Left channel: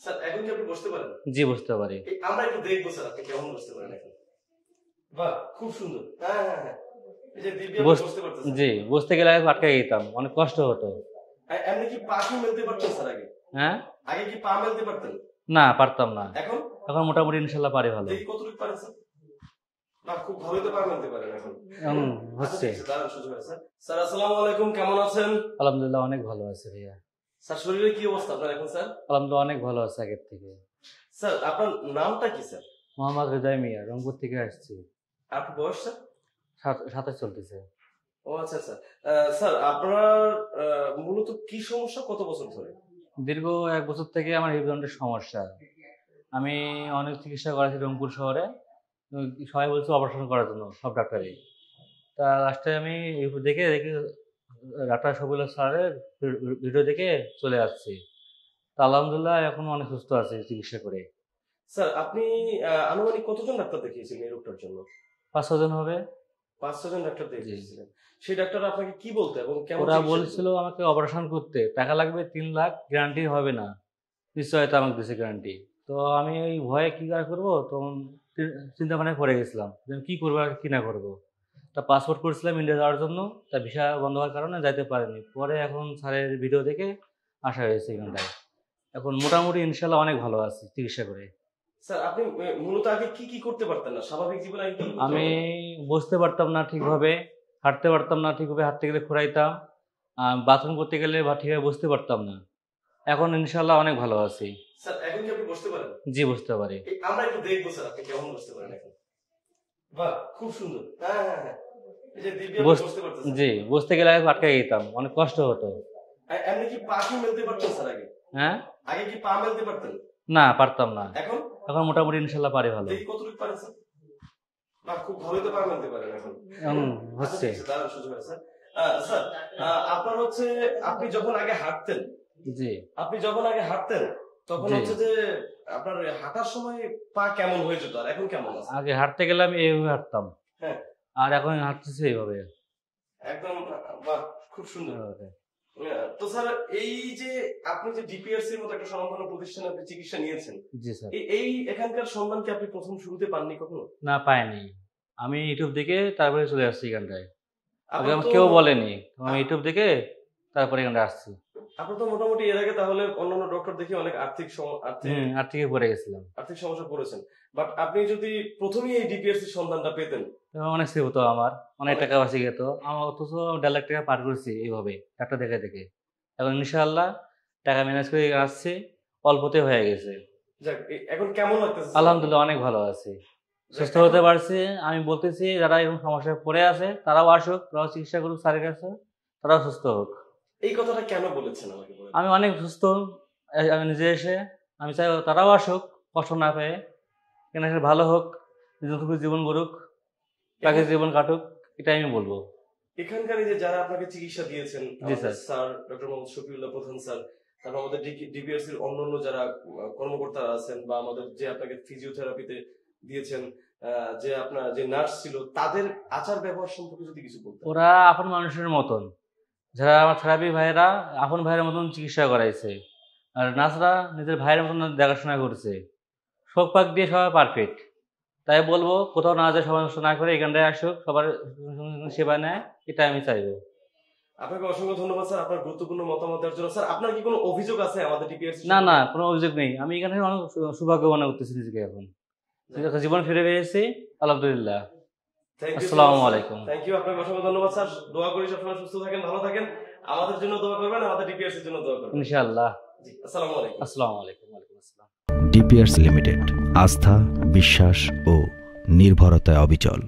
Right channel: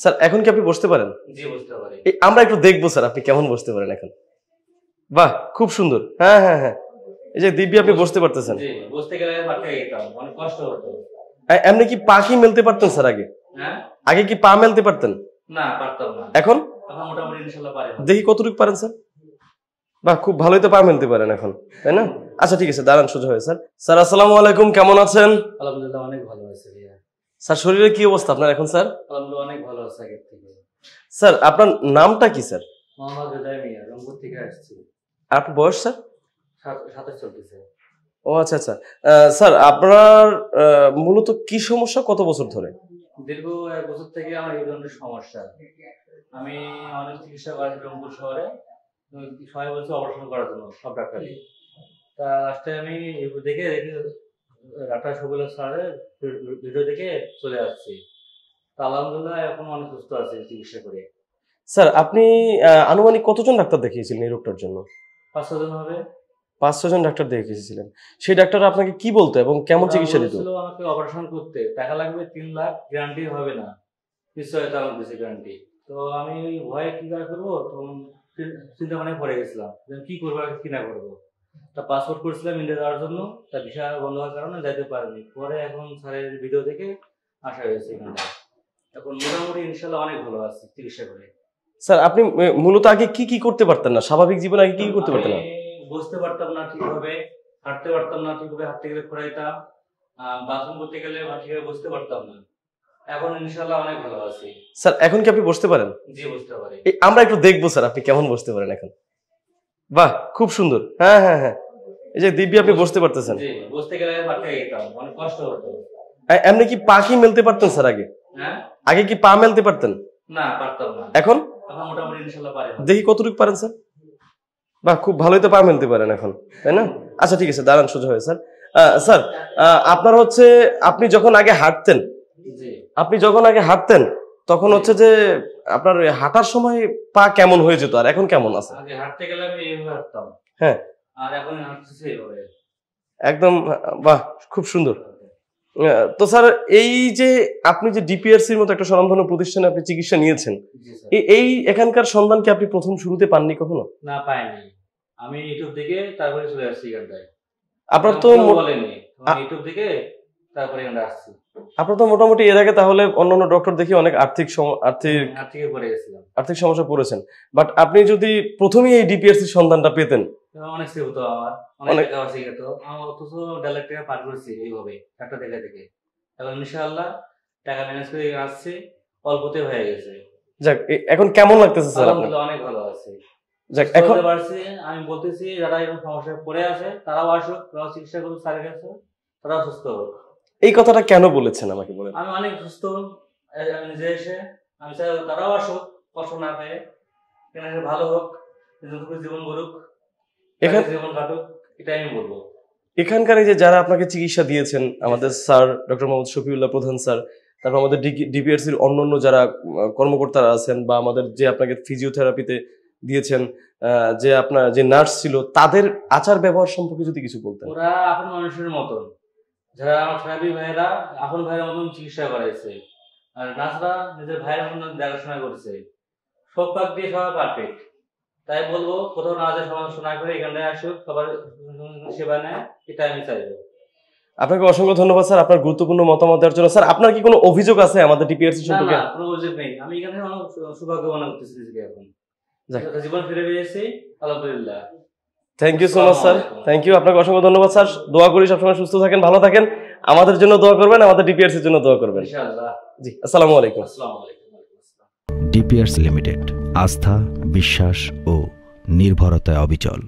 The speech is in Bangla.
স্যার এখন কি আপনি বসতে পারেন? জি, বুঝতে পারি। আমরা একটু দেখবো স্যার আপনি কেমন বসতে পারেন এখন। বাহ, খুব সুন্দর। হ্যাঁ হ্যাঁ হ্যাঁ, এই যে দিব্যি আপনি বসতে পারতেছেন। জি, বসতে গেলে আমি আটকে যেতাম, অনেক কষ্ট হতো। এমনি কি পা কি মেলতে পারতেন স্যার আগে? হ্যাঁ, আগে কি পা মেলতে পারতেন? না পারতাম না। এখন এখন মোটামুটি ইনশাল্লাহ পারি। ভালো। দেখি কতটুকু পারেন স্যার। বাহ, খুব ভালোই তো পা মেলতে পারেন এখন, তাই না? আচ্ছা ঠিক আছে, দাঁড়ান সোজা হয়ে। স্যার স্যার আসসালামু আলাইকুম, কেমন আছেন? আলহামদুলিল্লাহ অনেক ভালো আছে ভাইয়া। স্যার শরীরের কি অবস্থা আপনার এখন স্যার? আলহামদুলিল্লাহ অনেক ভালো আছে আগের থেকে। স্যার আপনার নামটা কি স্যার? মোহাম্মদ হৃদয় মিয়া, রংপুর থেকে আসছি। আপনার বয়স স্যার? 27 চলতেছে। ও আচ্ছা আচ্ছা। স্যার আপনার মূলত কি সমস্যা, কত বছর ধরে? দীর্ঘ 1 বছর থেকে আমার হৃদযন্ত্রের সমস্যা। আমি অনেক চিকিৎসা করেছি রংপুর শহরে। সবাই বলছে অপারেশন করার জন্য, সব ডাক্তারই। তা লাস্টে আমি দেখে ডাক্তার শফিউল্লাহ স্যারের ভিডিও দেখে চলে আসছি। তা আলহামদুলিল্লাহ এখন অনেক সুস্থ আছি চিকিৎসা করে। স্যার আপনি আনুমানিক কতজন ডাক্তার দেখিয়েছিলেন এই রোগটার জন্য? 5-6 জন হবে। 5-6 জন ডাক্তার দেখিয়েছিলেন। সেই ডাক্তার আপনাকে কি বলতো এবং কেমন চিকিৎসা দিত? বলেছিল আমাকে অপারেশন করতে, টাকা লাগবে 3 লাখ, গ্যারান্টি হবে না, নিশ্চয়তা আমাকে দিয়েছে গ্যারান্টি। তো আমি ওই ভয়ে কি করে করবো, তখন চিন্তা ভাবনায় পড়ে গেছিলাম যে কি করবো আর কি না করবো। তা পাসপোর্ট করেছিলাম ইন্ডিয়া যাওয়ার জন্য, তা ভিসা বন্ধ হওয়ার কারণে যাইতে পারিনি। পরে এখন স্যারের ভিডিও দেখে আসা হয়েছে এখানটা। এখন মোটামুটি ইনশাল্লাহ অনেক ভালো আছি চিকিৎসা করে। স্যার আপনি মূলত আগে কি কি করতে পারতেন না? স্বাভাবিক জীবনে আগে কি কি করতে পারতেন না? বসতে পারতাম না ঠিকভাবে, হাঁটতে পারতাম না ঠিকভাবে, হাঁটতে গেলে খোঁড়াইতাম, বাথরুম করতে গেলে বা ঠিকভাবে বসতে পারতাম না। এখন ইনশাল্লাহ অনেক ভালো আছি। স্যার এখন কি আপনি বসতে পারেন? জি, বসতে পারি। আমরা একটু দেখবো স্যার আপনি কেমন বসতে পারেন এখন। বাহ, খুব সুন্দর। হ্যাঁ হ্যাঁ হ্যাঁ, এই যে দিব্যি আপনি বসতে পারতেছেন। জি, বসতে গেলে আমি আটকে যেতাম, অনেক কষ্ট হতো। এমনি কি পা কি মেলতে পারতেন স্যার আগে? হ্যাঁ, আগে কি পা মেলতে পারতেন? না পারতাম না। এখন মোটামুটি ইনশাল্লাহ পারি। ভালো। দেখি কতটুকু পারেন স্যার। বাহ, খুব ভালোই তো পা মেলতে পারেন এখন, তাই না? আচ্ছা ঠিক আছে, দাঁড়ান সোজা হয়ে। স্যার স্যার আপনার হচ্ছে আপনি যখন আগে হাঁটতেন, জি, আপনি যখন আগে হাঁটতেন তখন হচ্ছে যে আপনার হাঁটার সময় পা কেমন হয়ে যেত আর এখন কেমন আছে? আগে হাঁটতে গেলে আমি এইভাবে হাঁটতাম, হ্যাঁ, আর এখন হাঁটতেছি এইভাবে। একদম। বাহ, খুব সুন্দর। তো স্যার এই যে আপনি যে ডিপিআরসির মতো একটা স্বনামধন্য প্রতিষ্ঠানে আপনি চিকিৎসা নিয়েছেন, জি স্যার। এই এখানকার সন্ধান কি আপনি প্রথম শুরুতে পাননি কখনো? না, পাইনি। আমি ইউটিউব দেখে তারপরে চলে আসছি এখানটায়। আপনার তো কেউ বলেনি, আমি ইউটিউব দেখে তারপরে এখানে আসছি। আপনার তো মোটামুটি এর আগে তাহলে অন্যান্য ডক্টর দেখে অনেক আর্থিক পড়ে গেছিলাম, আর্থিক সমস্যা পড়েছেন। বাট আপনি যদি প্রথমেই এই ডিপিআরসির সন্ধানটা পেতেন, অনেক সেভ হতো, আমার অনেক টাকা বাঁচে যেত। আমার অথচ 1.5 লাখ টাকা পার করেছি এইভাবে একটা দেখে দেখে। এখন ইনশাআল্লাহ টাকা ম্যানেজ করে আসছি, অল্পতে হয়ে গেছে। যাক, এখন কেমন লাগতেছে স্যার? আলহামদুলিল্লাহ অনেক ভালো আছি। যাক, এখন পারছি। আমি বলতেছি যারা এরকম সমস্যায় পড়ে আছে তারাও আসুক, তারাও চিকিৎসা করুক স্যারের কাছে, তারাও সুস্থ হোক। এই কথাটা কেন বলেছেন আমাকে বলেন? আমি অনেক সুস্থ, আমি নিজে এসে আমি চাই তারাও আসুক, কষ্ট না পেয়ে এখানে এসে ভালো হোক, জীবন গড়ুক, জীবন কাটুক, এটাই আমি বলবো। এখানকার এই যে যারা আপনাকে চিকিৎসা দিয়েছেন, আমাদের স্যার ডক্টর মোহাম্মদ শফিউল্লাহ প্রধান স্যার, তারপর আমাদের ডিপিআরসির অন্যান্য যারা কর্মকর্তারা আছেন, বা আমাদের যে আপনাকে ফিজিওথেরাপিতে দিয়েছেন, যে আপনার যে নার্স ছিল, তাদের আচার ব্যবহার সম্পর্কে যদি কিছু বলতেন। ওরা আপন মানুষের মতন, যারা আমার থেরাপি ভাইয়েরা আপন ভাইয়ের মতন চিকিৎসা করাইছে, আর নার্সরা নিজের ভাইয়ের মতন দেখাশোনা করছে, সব পাক দিয়ে সবাই পারফেক্ট। তাই বলবো কোথাও না যায়, সবাই না করে এখানটায় আসুক, সবার সেবা নেয়, এটা আমি চাইবো। আপনাকে অসংখ্য ধন্যবাদ স্যার আপনার গুরুত্বপূর্ণ মতামত দেওয়ার জন্য। স্যার আপনার কি কোনো অভিযোগ আছে আমাদের ডিপিআরসি সম্পর্কে? না, কোনো অভিযোগ নেই। আমি এখানে অনেক সৌভাগ্য মনে করতেছি নিজেকে। এখন জীবন ফিরে পেয়েছি, আলহামদুলিল্লাহ। Thank you so much sir, thank you. আপনাকে অসংখ্য ধন্যবাদ স্যার। দোয়া করি সবসময় সুস্থ থাকেন, ভালো থাকেন। আমাদের জন্য দোয়া করবেন, আমাদের ডিপিআরসির জন্য দোয়া করবেন ইনশাআল্লাহ। জি, আসসালামু আলাইকুম। আসসালামু আলাইকুম। ডিপিআরসি লিমিটেড, আস্থা, বিশ্বাস ও নির্ভরতায় অবিচল।